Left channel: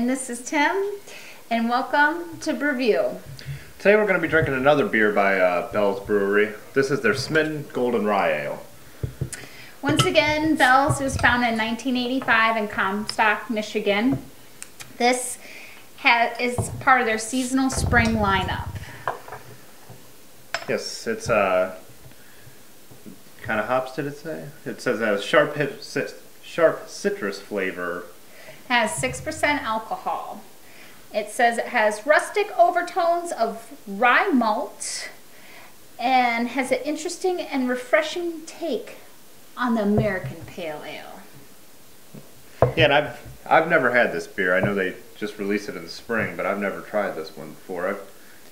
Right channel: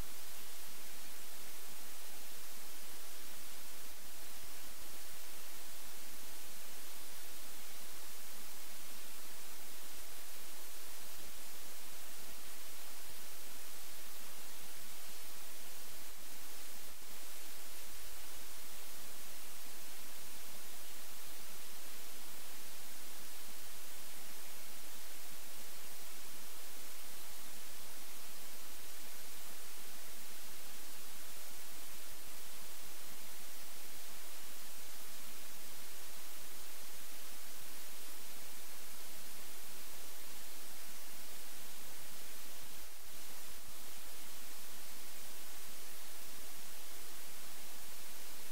and this is Tim, and welcome to BrewView. Today we're going to be drinking another beer by Bell's Brewery. This is their Smitten Golden Rye Ale. Once again, Bell's was founded in 1985 in Comstock, Michigan. This is part of their seasonal spring lineup. Yes, it's kind of hops, did it say? It says it has sharp citrus flavor. Has 6% alcohol. It says it has rustic overtones of rye malt and has an interesting and refreshing take on the American Pale Ale. Yeah, and I've never had this beer. I know they just released it in the spring, but I've never tried this one before.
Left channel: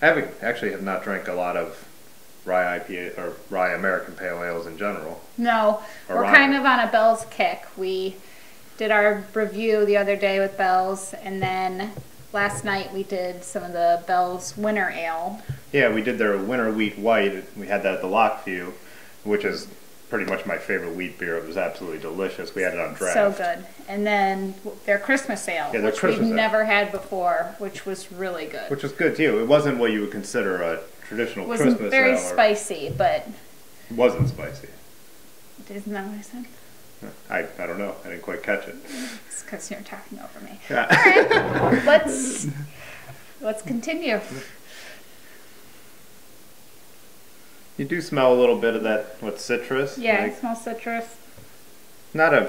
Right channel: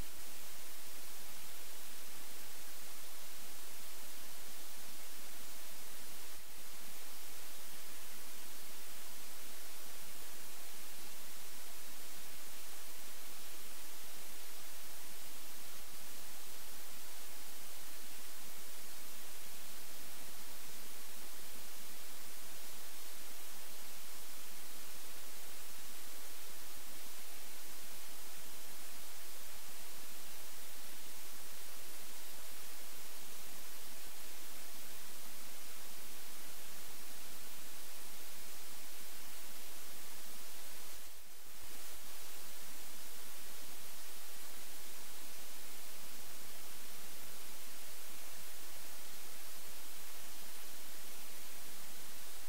I have not drank a lot of rye IPA or rye American Pale Ales in general. No, we're kind of on a Bell's kick. We did our review the other day with Bell's, and then last night we did some of the Bell's Winter Ale. Yeah, we did their Winter Wheat White. We had that at the Lockview, which is pretty much my favorite wheat beer. It was absolutely delicious. We had it on draft. So good. And then their Christmas Ale, which we've never had before, which was really good. Which was good too. It wasn't what you would consider a traditional Christmas ale. It wasn't very spicy, but... It wasn't spicy. Isn't that what I said? I don't know. I didn't quite catch it. It's because you're talking over me. Yeah. All right, let's continue. You do smell a little bit of that with citrus. Yeah, I smell citrus. Not a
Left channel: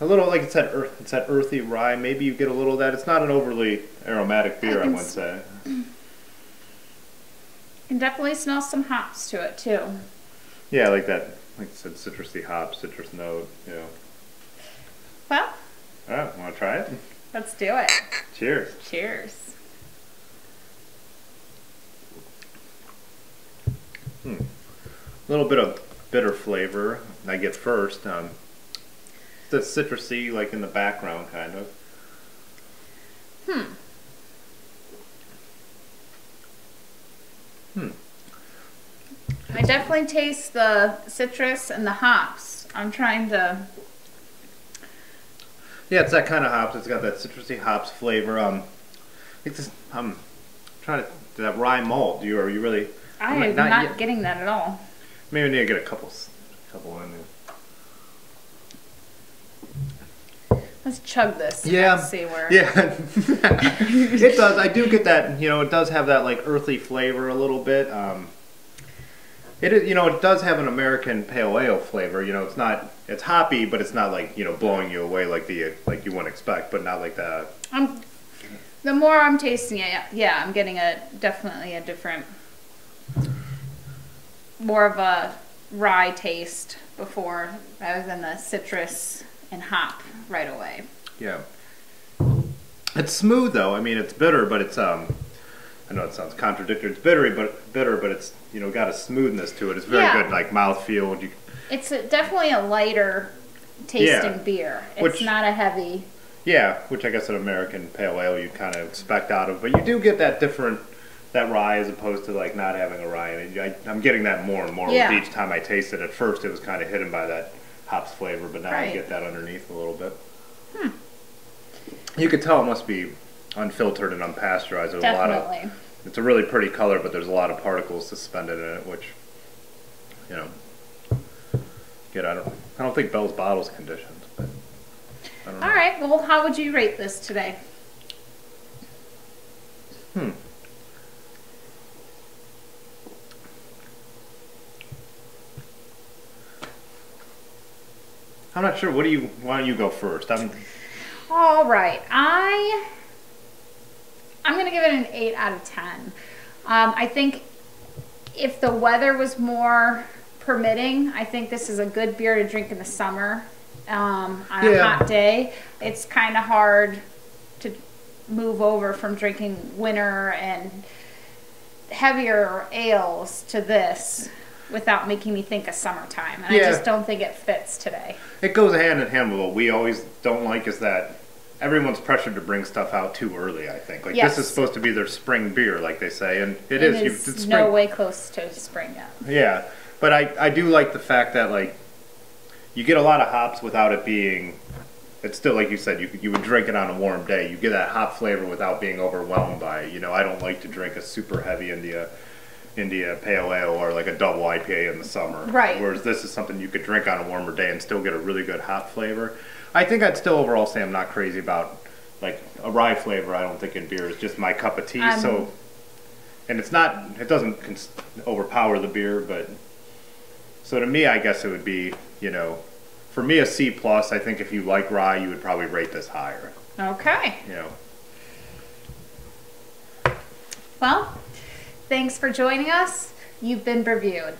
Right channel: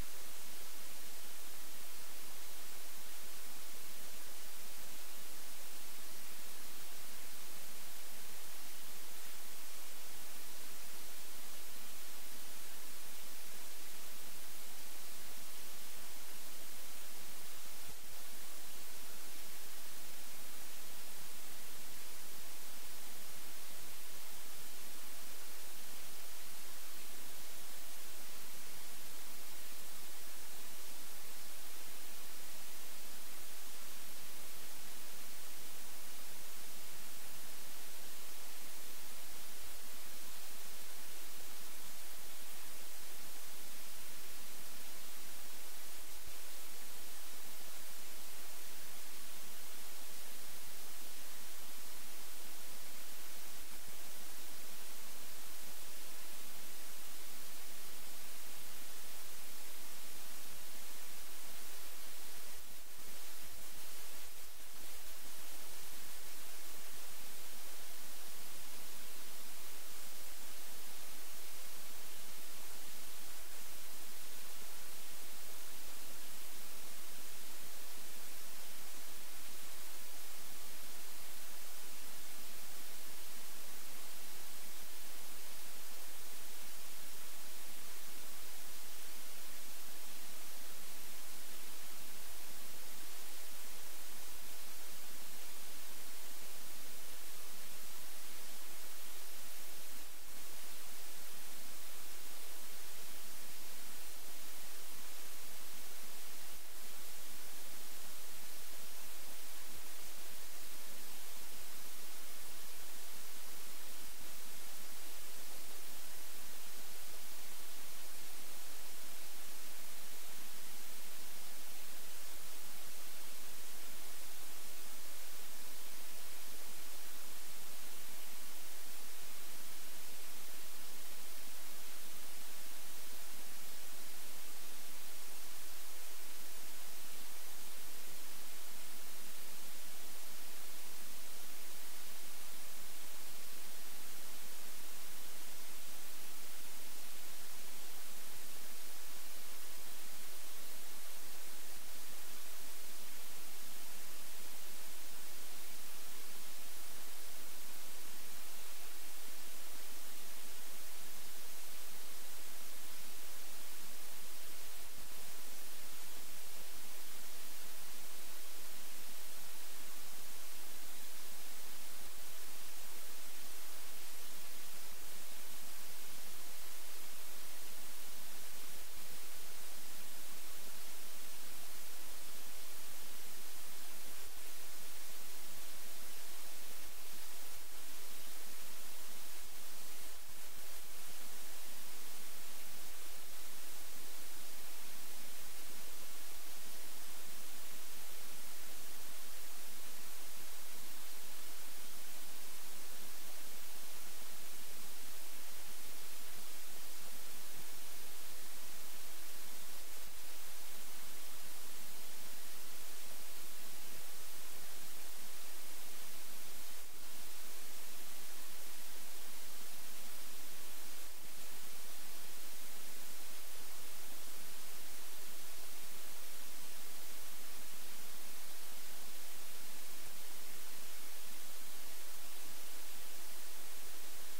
little like it's that earthy rye. Maybe you get a little of that. It's not an overly aromatic beer, I would say. You can definitely smell some hops to it too. Yeah, like that. Like I said, citrusy hop, citrus note, you know. Well. Alright, want to try it? Let's do it. Cheers. Cheers. A little bit of bitter flavor I get first. The citrusy, like in the background, kind of. I definitely taste the citrus and the hops. I'm trying to... Yeah, it's that kind of hops. It's got that citrusy hops flavor. I'm trying to... That rye malt. Are you really... I am not getting that at all. Maybe we need to get a couple in there. Let's chug this. Yeah. Let's see where... Yeah. It does. I do get that, it does have that like earthy flavor a little bit. It is, it does have an American Pale Ale flavor. It's hoppy, but it's not like, blowing you away like you wouldn't expect, but not like that. The more I'm tasting it, yeah, I'm getting definitely a different, more of a rye taste before rather than the citrus and hop right away. Yeah. It's smooth though. I mean, it's bitter, but it's I know it sounds contradictory. It's bitter, but it's got a smoothness to it. It's very good, like mouthfeel. It's definitely a lighter tasting beer. It's not a heavy. Yeah, which I guess an American Pale Ale you kind of expect out of, but you do get that rye as opposed to like not having a rye. And I'm getting that more and more with each time I taste it. At first, it was kind of hidden by that hops flavor, but now I get that underneath a little bit. You could tell it must be unfiltered and unpasteurized. There's Definitely. It's a really pretty color, but there's a lot of particles suspended in it, which, good. I don't think Bell's bottle's conditioned, but I don't know. All right. Well, how would you rate this today? I'm not sure. Why don't you go first? All right. I'm going to give it an 8 out of 10. I think if the weather was more permitting, I think this is a good beer to drink in the summer on a hot day. It's kind of hard to move over from drinking winter and heavier ales to this without making me think of summertime. And I just don't think it fits today. It goes hand in hand with what we always don't like is that everyone's pressured to bring stuff out too early, I think. Like this is supposed to be their spring beer, like they say, and it is. It's no way close to spring yet. Yeah, but I do like the fact that like you get a lot of hops without it being it's still, like you said, you would drink it on a warm day. You get that hop flavor without being overwhelmed by it. You know, I don't like to drink a super heavy India Pale Ale or like a double IPA in the summer. Right. Whereas this is something you could drink on a warmer day and still get a really good hop flavor. I think I'd still overall say I'm not crazy about like a rye flavor. I don't think in beer is just my cup of tea. So, and it doesn't overpower the beer, but so to me, I guess it would be, you know, for me a C plus. I think if you like rye, you would probably rate this higher. Okay. You know. Well, thanks for joining us. You've been BrewViewed.